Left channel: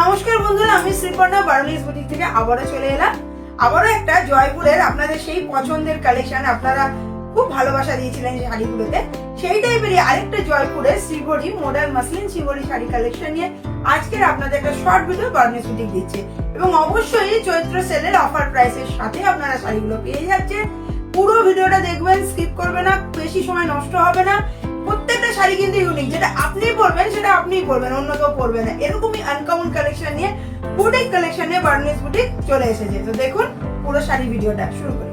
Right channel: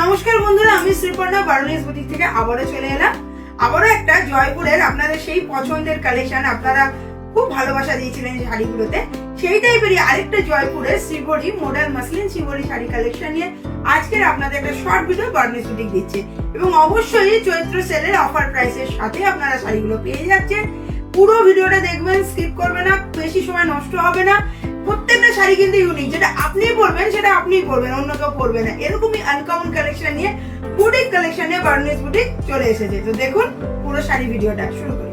নমস্কার বন্ধুরা, আমি শ্রীপর্ণা বারোনিস বুটিক থেকে আবারও চলে এলাম। আবারও একটা জয়পুরের আপনাদের সেই পছন্দের কালেকশন, আপনারা খুব ভালোবাসা দিয়েছিলেন শাড়িগুলোতে, সেই টাইপেরই আরেকটা জয়পুরের শিবরি মডার্ন মাসলিন শিবরি শাড়ি কালেকশন নিয়ে আজকের আপনাদের একটা শর্ট ভিডিও বারোনিস বুটিক দিচ্ছে। এবং অবশ্যই চৈত্র সেলের অফার প্রাইসের সাথে আপনারা শাড়িগুলো পেয়ে যাচ্ছেন। পুরো ভিডিওটা দেখবেন, স্কিপ করবে না, বেশি সময় নষ্ট হবে না। প্রত্যেকটা শাড়ি কিন্তু ইউনিক, যেটা আপনি পরবেন সেটা আপনিই পরবেন, অন্য কেউ পরবে না। এরকমই আনকমন কালেকশন নিয়ে বুটিক কালেকশন নিয়ে বারোনিস বুটিক চলে এসেছে। তো দেখুন পুরো শাড়ি ভিডিওটা শুরু করি।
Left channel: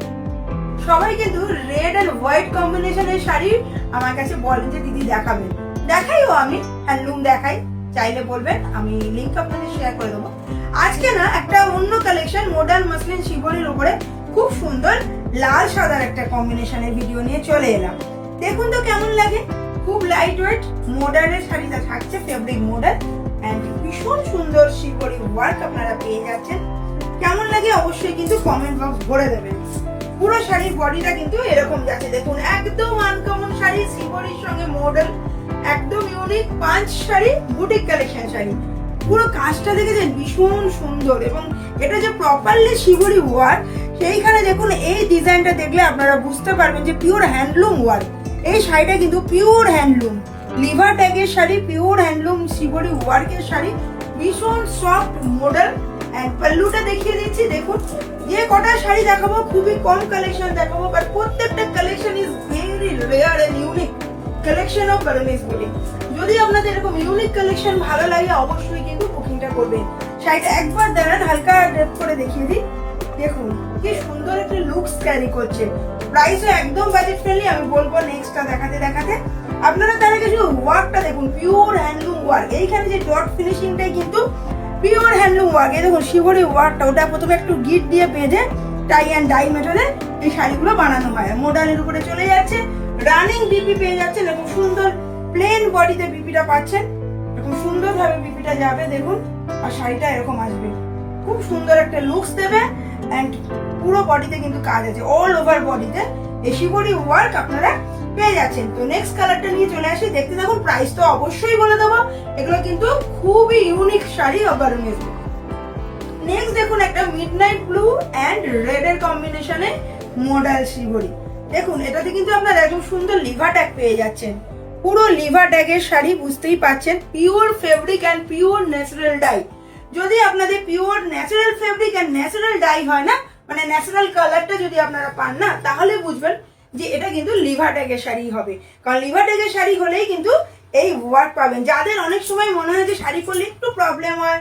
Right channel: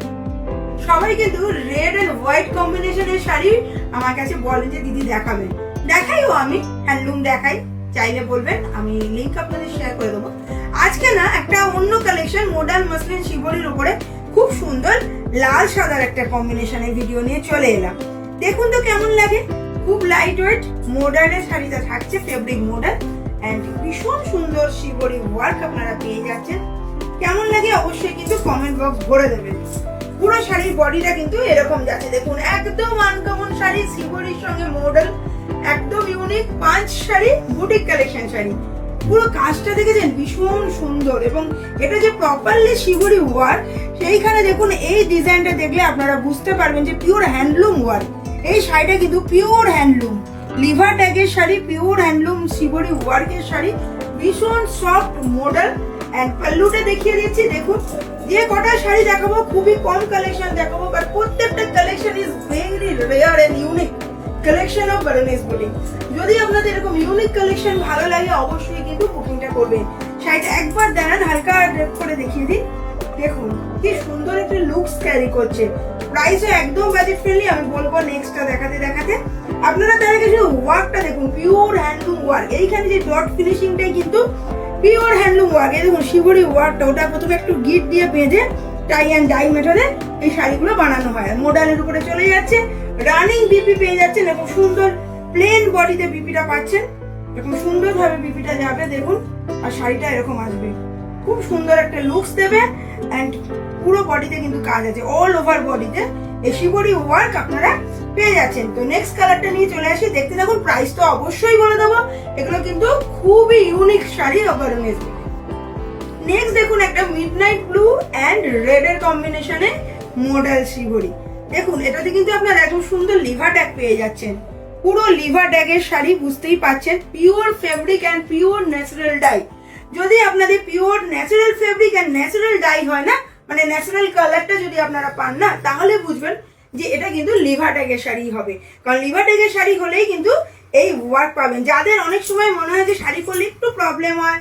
সবাই কিন্তু রেড এন্ড হোয়াইট কম্বিনেশনের শাড়ি আমার কাছে বলেন যে দিদি দেখাবেন, দেখাইও আমি, হ্যান্ডলুম দেখাই, চাইলে বলবেন, আমি লিংক আপনাদের শেয়ার করে দেবো। আজকে না একটা অন্য কালেকশন মডার্ন মাসলিন শিবরির উপরে খুব সুন্দর লাল সাদার একটা কম্বিনেশনের ভিডিও নিয়ে চলে এলাম। দেখুন তো কেমন লাগে, খুব লাইট ওয়েট মডার্নের শাড়িটা থাকছে, ফেব্রিক মডার্ন এন্ড ভীষণ সুন্দর শিবরি ওয়ার্ক আপনারা পেয়ে যাচ্ছেন। কেমন লাগে অবশ্যই কিন্তু কমেন্ট বক্স ভরে দেবেন। পুরো শাড়ির বডিটা কিন্তু এরকম যাচ্ছে, দেখুন একদম আনকমন শাড়ি, শিবরির সঙ্গে মডেল, একদম ইউনিক পাঁচ শাড়ি, বুটিক কালেকশন শাড়ি। পুরো কাজটা দেখেছেন ভীষণ সুন্দর, এবং এটা যে প্রপারলি শিবরি ওয়ার্ক, সেইখানে দেখুন এই ডিজাইনটা দেখলে আপনারা বুঝতে পারবেন যে পিওর হ্যান্ডলুম ওয়ার্ক। এই শাড়িটা কিন্তু পিওর হ্যান্ডলুম, লিভার ট্যাগের শাড়ি, পিওর হ্যান্ডলুম শিবরি ওয়ার্কের শাড়ি, ভীষণ সফট মডেল। এন্ড পাল্লুটা দেখিয়ে দিচ্ছি, দেখুন যে কটা শাড়ি দেখাবো খুবই কম কালেকশন দেখাবো, বাট প্রত্যেকটা collection is very rare and unique collection of Baronis boutique. যদি আপনাদের এরকম ইউনিক কালেকশন ভালো লাগে অবশ্যই কিন্তু বুকিংটা করবেন। শাড়িটা একবার দাঁড়ান, হালকা ড্রেপ করে দেখিয়ে দিই, দেখুন কি সুন্দর একটা লুকস ক্যারি করছে। প্রাইসও একদম বাজেট ফ্রেন্ডলি। আমি বলবো নেক্সটটা দেখাতে দেখাতে আপনারা তার আগে যে ওয়ার্কটা দেখুন, পিওর হ্যান্ডলুম ওয়ার্ক। এইখানে যে ডট ফিনিশিংটাই কিন্তু পিওর হ্যান্ডলুম ওয়ার্ক। এই দেখুন শিবরি ওয়ার্কটা, ওটা প্রথমে একটু গিট দিয়ে বেঁধে টাই অ্যান্ড ডাই মেটালে এই শাড়িগুলো বানানো হয়। মডেলের উপরে চলে যাচ্ছে, রানিং বিপি পেয়ে যাচ্ছেন, এরকম সুন্দর প্লেন বডিতে বিপিটা পাচ্ছেন, এরকম সুন্দর ভাবে বিপিটা যাবে দেখুন, আর শাড়িটা এরকম আসবে, খুব সুন্দর একটা লুকস দেবে। এন্ড পুরো বডিতে কিন্তু কাজ আছে, অল ওভার বডিতে এই শিবরি ওয়ার্ক আপনারা পেয়ে যাচ্ছেন। তো নেক্সট কালারটা নিয়ে চলে আসি, দেখতে থাকুন। প্রাইস তো অবশ্যই বলে দেবো, এগুলো কিন্তু খুবই ইউনিক শাড়ি বারোনিস। নেক্সট দেখুন একটা মিডনাইট ব্লু এন্ড রেড এর কম্বিনেশনে মডেল শিবরি। দেখুন এটাতে কিন্তু আপনারা একদম সুন্দর লিভার ট্যাগ পেয়ে যাচ্ছেন, পুরো লিভার ট্যাগের শাড়ি, বুঝতেই পাচ্ছেন pure fabric and pure natural dye. যদি আপনাদের pure natural fabric and natural dye হয় না, মানে ন্যাচারাল কালারটা যদি আপনারা পান না, তাহলে বুঝবেন যে এটা কিন্তু লিভার ট্যাগের শাড়ি হবে। কারণ লিভার ট্যাগের শাড়ি হলেই কিন্তু এই ওয়ার্ক পাবেন। যাদের অনেক সময় মনে হয় যে শাড়ি পরলে একটু প্রবলেম হয়,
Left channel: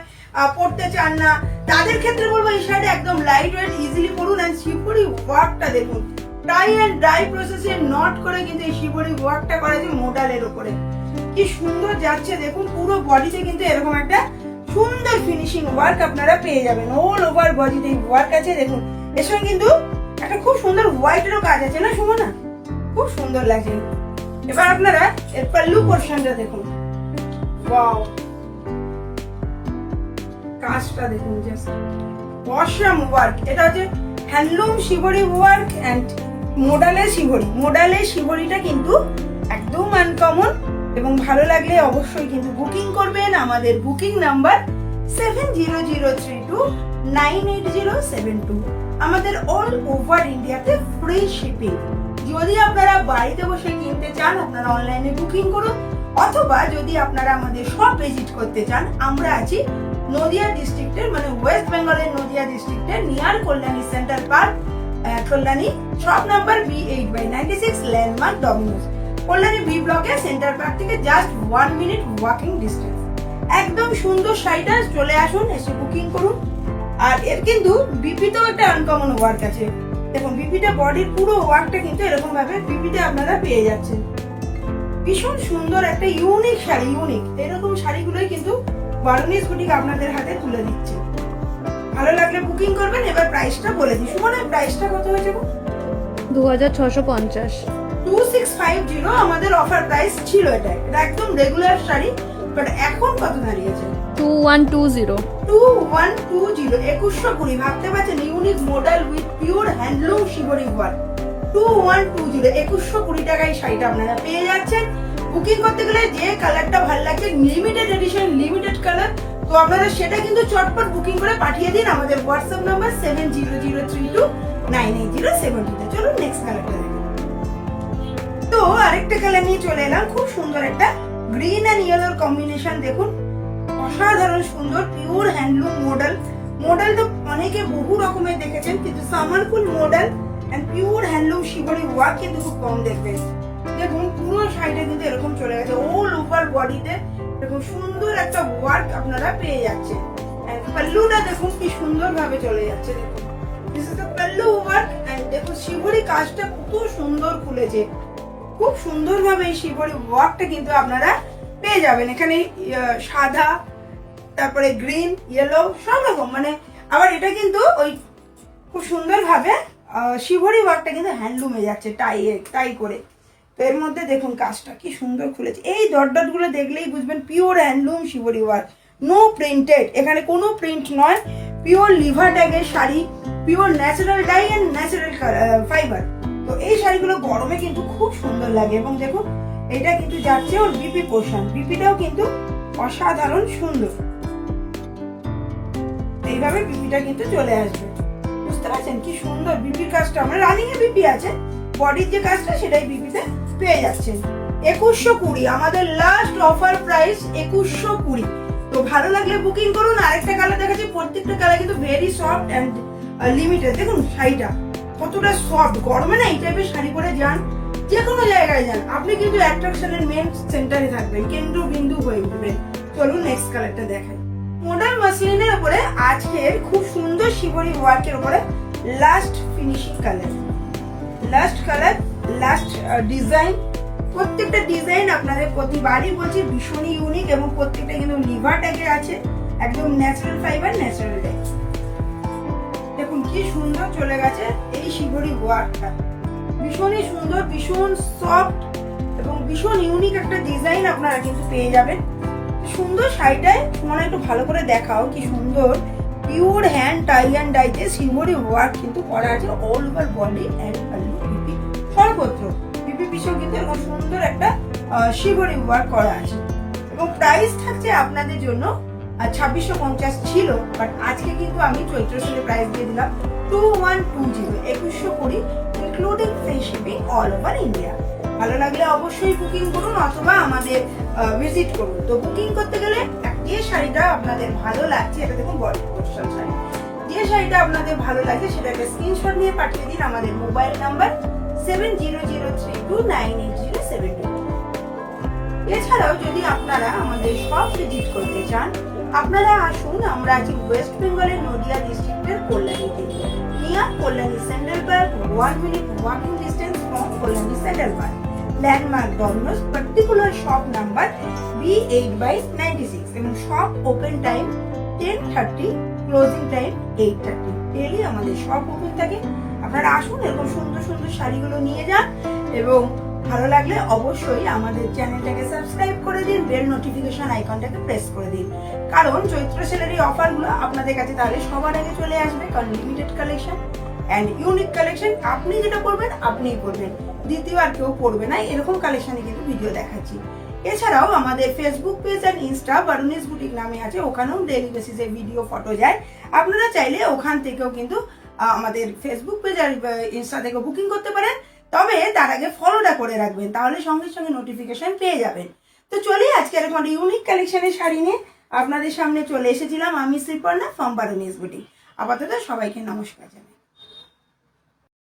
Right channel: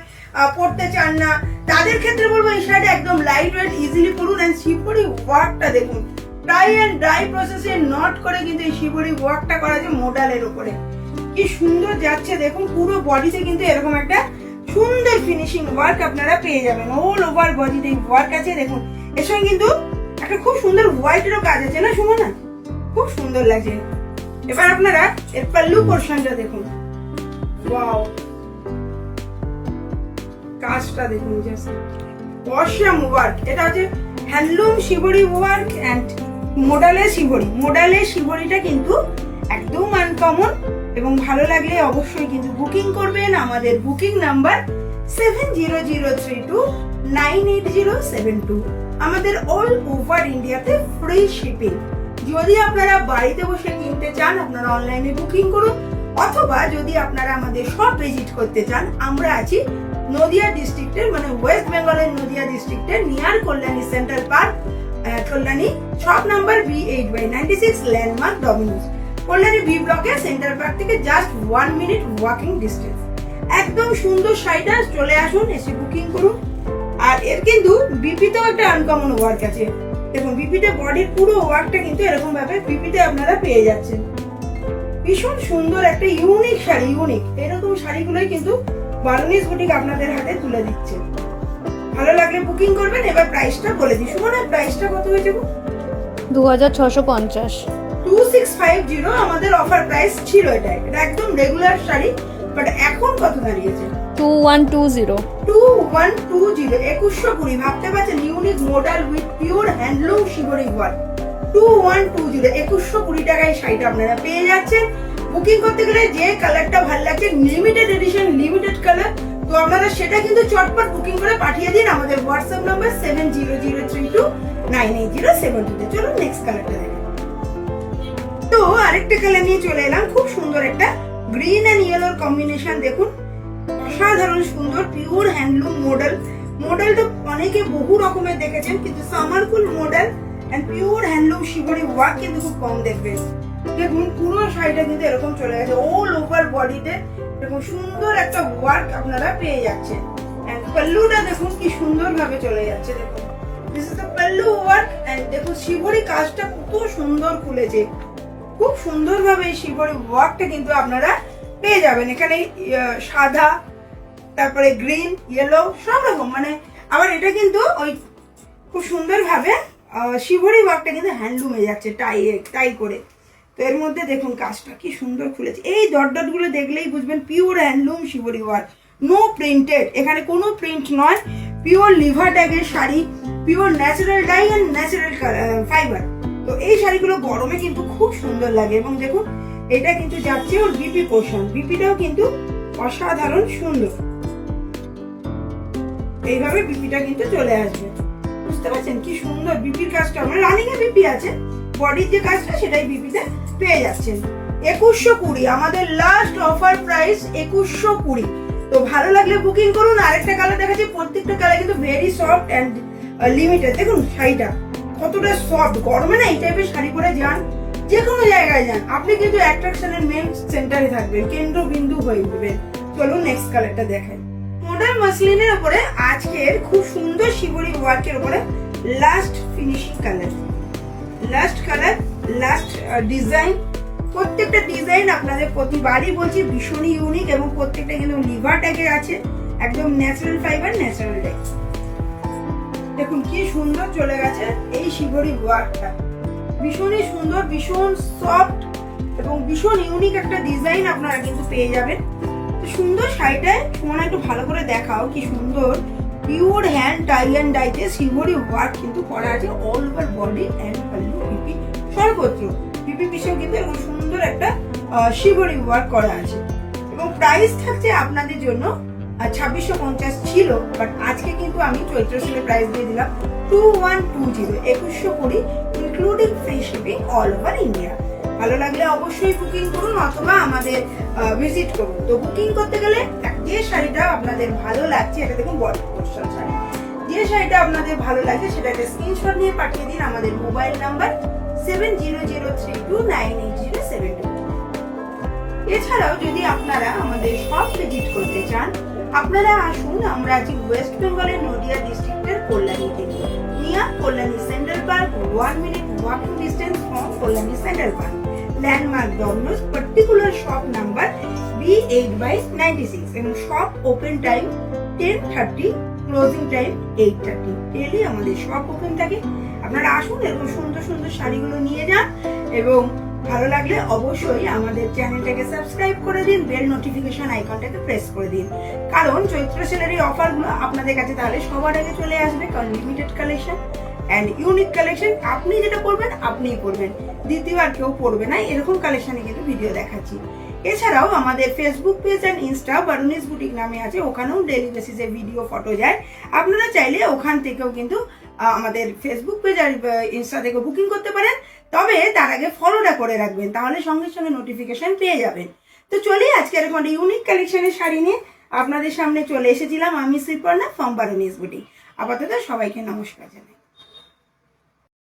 পরতে চান না, তাদের ক্ষেত্রে বলবো এই শাড়িটা একদম লাইট ওয়েট, ইজিলি পরুন। এন্ড শিবরি ওয়ার্কটা দেখুন, টাই এন্ড ডাই প্রসেসে নট করে কিন্তু এই শিবরি ওয়ার্কটা করা আছে মডেলের উপরে, কি সুন্দর যাচ্ছে দেখুন। পুরো বডিতে কিন্তু এরকম একটা সুন্দর ফিনিশিং ওয়ার্ক আপনারা পেয়ে যাবেন, অল ওভার বডিতে ওয়ার্ক আছে দেখুন। এর সঙ্গে কিন্তু একটা খুব সুন্দর হোয়াইটেরও কাজ আছে না সুমনা, খুব সুন্দর লাগছে। এবার আপনারা এর পাল্লু পোরশনটা দেখুন, ওয়াও, কাজটা দেখুন, জাস্ট অসাম ওয়ার্ক। এটা হচ্ছে হ্যান্ডলুম শিবরি ওয়ার্ক এন্ড মডেলের শিবরি। মডেলের শিবরিটা কিন্তু একদম আনকমন, এবং ভালো লাগলে অবশ্যই কিন্তু বুকিং করবেন। আমাদের বুকিং নাম্বার 7003298072। আমাদের অল ওভার ইন্ডিয়াতে ফ্রি শিপিং। যদি আপনারা বাড়িতে বসে কিনতে চান আপনারা অনলাইনে বুকিং করুন, অথবা যদি আপনারা আমাদের শপ ভিজিট করতে চান, আমরা আছি নদিয়া ডিস্ট্রিক্টের, মানে ওয়েস্ট বেঙ্গলের নদিয়া ডিস্ট্রিক্টের near Kalyani central park, Kalyani, shop number B8/96, landmark Dominos, Kalyani B ব্লকে, সেন্ট্রাল পার্ক থেকে জাস্ট 1 মিনিট ওয়াকিং ডিস্টেন্স। একদম সুন্দর শাড়িটা, চলে আসুন, এসে বুকিং করুন। আর এর কিন্তু বিপিতেও একটা আনকমন ওয়ার্ক আছে, দেখুন বিপিটা বডির পুরো ওয়ার্কটা কিন্তু এরকম ভাবে বিপিতে আপনারা পেয়ে যাচ্ছেন। ভীষণ সুন্দর একটা ইউনিক শাড়ি, ইউনিক এরকম শাড়িগুলোই কিন্তু বারোনিস বুটিক আপনাদের হাতে তুলে দিচ্ছে। ভালো লাগলে বুকিং করবেন। এবার প্রাইসটা বলে দিই, মানে প্রাইসটা কত হয়েছে? 2650। 2650 আমাদের অফার প্রাইস ছিল। এটা একদম রেগুলার শাড়ি, বাট এখন কত দাঁড়িয়েছে? 2120। 2120 ভাবতে পারছেন, unique model with pure handloom shibori work. 2120 2120 টাকায় শাড়িটা আপনারা পেয়ে যাচ্ছেন। বুকিং করতে গেলে যে কালারটা ভালো লাগছে, লিমিটেড এডিশন, লিমিটেড কালার, তো আপনারা সেটা কিন্তু চটপট বুকিং করে পাঠিয়ে দিন আমাদের হোয়াটসঅ্যাপ নাম্বার 7003298072 তে। চলুন নেক্সট কালারটা দেখুন। তো আরেকটা কালার নিয়ে চলে এলাম, খুব সুন্দর একটা গ্রিন এন্ড ইয়েলোর কম্বিনেশন। দেখুন অসাধারণ সুন্দর, পিওর হ্যান্ডলুম মডেল। মডেল তো অনেকে বহু রকমের দেখেছেন, কিন্তু Samarpur model and pure handloom shibori work কিন্তু খুব কম দেখবেন। দেখুন পুরো শাড়িটা কিন্তু এরকম চলে গেছে, অল ওভার বডিতে দেখুন সুন্দর একটা ওয়ার্ক আপনারা পেয়ে যাচ্ছেন। এন্ড পাল্লুটা দেখুন কি সুন্দর ভাবে চলে যাচ্ছে। দেখুন this is the pallu work. And দেখুন শিবরি কাজটা কত সুন্দর খুলেছে, খুব সুন্দর ভাবে এই শিবরি ওয়ার্কটা কিন্তু আপনারা পেয়ে যাবেন। এখানে সাদা, তারপরে গ্রিন, ইয়েলো সব রকম, মানে আবার এটা কিন্তু ওই খুব সুন্দর ভাবে শিবরি ওয়ার্কটা কিন্তু হ্যান্ডলুমে যাচ্ছে টাই করে। তো এর মধ্যে দেখুন কাজটা কি সুন্দর খুলেছে। এই ডট ডট গুলো দেখলেই বুঝবেন pure handloom shibori work, no printed, এখানে কোনো প্রিন্ট নয়, পিওর লিভার ট্যাগের sari, pure natural dye and natural fibre. তো এই শাড়িগুলো গরমে কিন্তু খুব সুন্দর লাগে। এবং দেখুন এটা কিন্তু যাচ্ছে ওর বিপি পোর্শন, বিপিটাও কিন্তু অসাধারণ সুন্দর। এইভাবে বিপিটা কিন্তু চলে আসবে, বুঝতে পারছেন কি সুন্দর বিপির কাজটা। মানে রানিং এ বিপি আছে, বডির যে কাজটা সেটাই বিপিতে পেয়ে যাচ্ছেন। 2120 আমাদের লাস্ট অফার প্রাইস 2120। তো ভালো লাগলে বুকিং করুন। আরেকটা কালার দেখাচ্ছি, প্রত্যেকটা কালার কিন্তু ভেরি সফট এন্ড লিমিটেড। দেখুন শাড়িটা কতটা সফট, গরমে না এই টাইপের শাড়ি পরে যান, যে কোনো জায়গায় যান, আপনি কিন্তু অ্যাট্রাকশনের মেন সেন্টারে থাকবেন, কেন্দ্রবিন্দু হয়ে উঠবেন। চলুন নেক্সট কালারটা দেখাই। মডার্ন মাসলিনের উপরে আজকের খুব সুন্দর শিবরি ওয়ার্কের উপরে last finishing colour, last design. প্রত্যেকটা ডিজাইন আপনাদের প্রতিবারই বলছি ভীষণই ইউনিক, এবং প্রত্যেকটা কিন্তু লিভার ট্যাগের আছে, একদম ন্যাচারাল ফাইবার, ন্যাচারাল ডাই। দেখুন কি সুন্দর চলে গেছে এই শিবরি ওয়ার্কটা, ভীষণই সুন্দর, ভীষণ সফট এবং ভীষণ ইউনিক একটা ডিজাইন আপনারা কিন্তু পেয়ে যাবেন। সুন্দর শাড়িটায় তোমার একটু ভালো করে দেখাও, কি সুন্দর পিওর হ্যান্ড টাই অ্যান্ড ডাইতে শিবরি ওয়ার্ক কিন্তু করা আছে all over body and pallu, BP সর্বত্র। বিপি পিছেও কিন্তু এরকম সুন্দর একটা শিবরি ওয়ার্ক করা আছে। এবং প্রাইস থাকছে আপনাদের জন্য 2650 ছিল, বাট আজকে কিন্তু আমি চৈত্র সেলে প্রাইস দিয়ে দিলাম 2120, 2120 including free shipping all over India. ভালো লাগলে অবশ্যই বুকিং করুন অথবা আমাদের ভিজিট করুন। তো বুকিং করতে গেলে যে শাড়িটা আপনাদের ভালো লাগছে, এটা দেখুন বডি পোর্শন শাড়ি, যে শাড়িটা আপনাদের ভালো লাগছে সেটাকে স্ক্রিনশট নিয়ে পাঠিয়ে দিন আমাদের মোবাইল নাম্বার 7003298072। এছাড়াও যদি আপনারা আমাদের সব ভিজিট করতে চান, আপনারা আসুন। আমরা আছি ওয়েস্ট বেঙ্গলের নদিয়া ডিস্ট্রিক্টের কল্যাণীতে, near Kalyani central park, 1 minute walking distance from Kalyani central park. Landmark Domino's, particular shop number B8/96, এবং shop open time 10:30, closing time 8:30। Daily আমাদের শপ ওপেন থাকে। আপনারা আসুন, এরকম সুন্দর সুন্দর শাড়িগুলো নিয়ে যান, এবং ভালো লাগলে অবশ্যই আমাদের চ্যানেলটাকে সাবস্ক্রাইব করে দিন, বেল নোটিফিকেশন আইকনটাকে প্রেস করে দিন, কারণ চৈত্র সেলের এই অফারগুলো আপনাদের কাছে তাহলে সবার আগে চলে আসবে। কারণ limited collection and unique collection, আপনি যেটা করবেন আপনিই করবেন, দ্বিতীয়বার কেউ করবে না, এরকম কালেকশনে কিন্তু ভিডিও দেখাচ্ছি। এছাড়াও আমাদের Facebook page and insta Barunis boutique নামে আছে, ওখানেও ডেইলি বেসিসে ভিডিও ফটো যায়। আপনারা চাইলে ওখান থেকেও কিন্তু আমাদের ফেসবুক পেজ আর ইনস্টা থেকে বুকিং করতে পারেন, তবে তার আগে ফলোটা করে রাখবেন, তাহলে সঙ্গে সঙ্গে নোটিফিকেশন পেয়ে যাবেন। তো চলি আজকে এরকম ইউনিক কালেকশনের শাড়ি নিয়ে আপনাদের সামনে চলে এসেছিলাম আমি শ্রীপর্ণা ফ্রম বারুনিস বুটিক। আপাতত সবাইকে নমস্কার জানাই।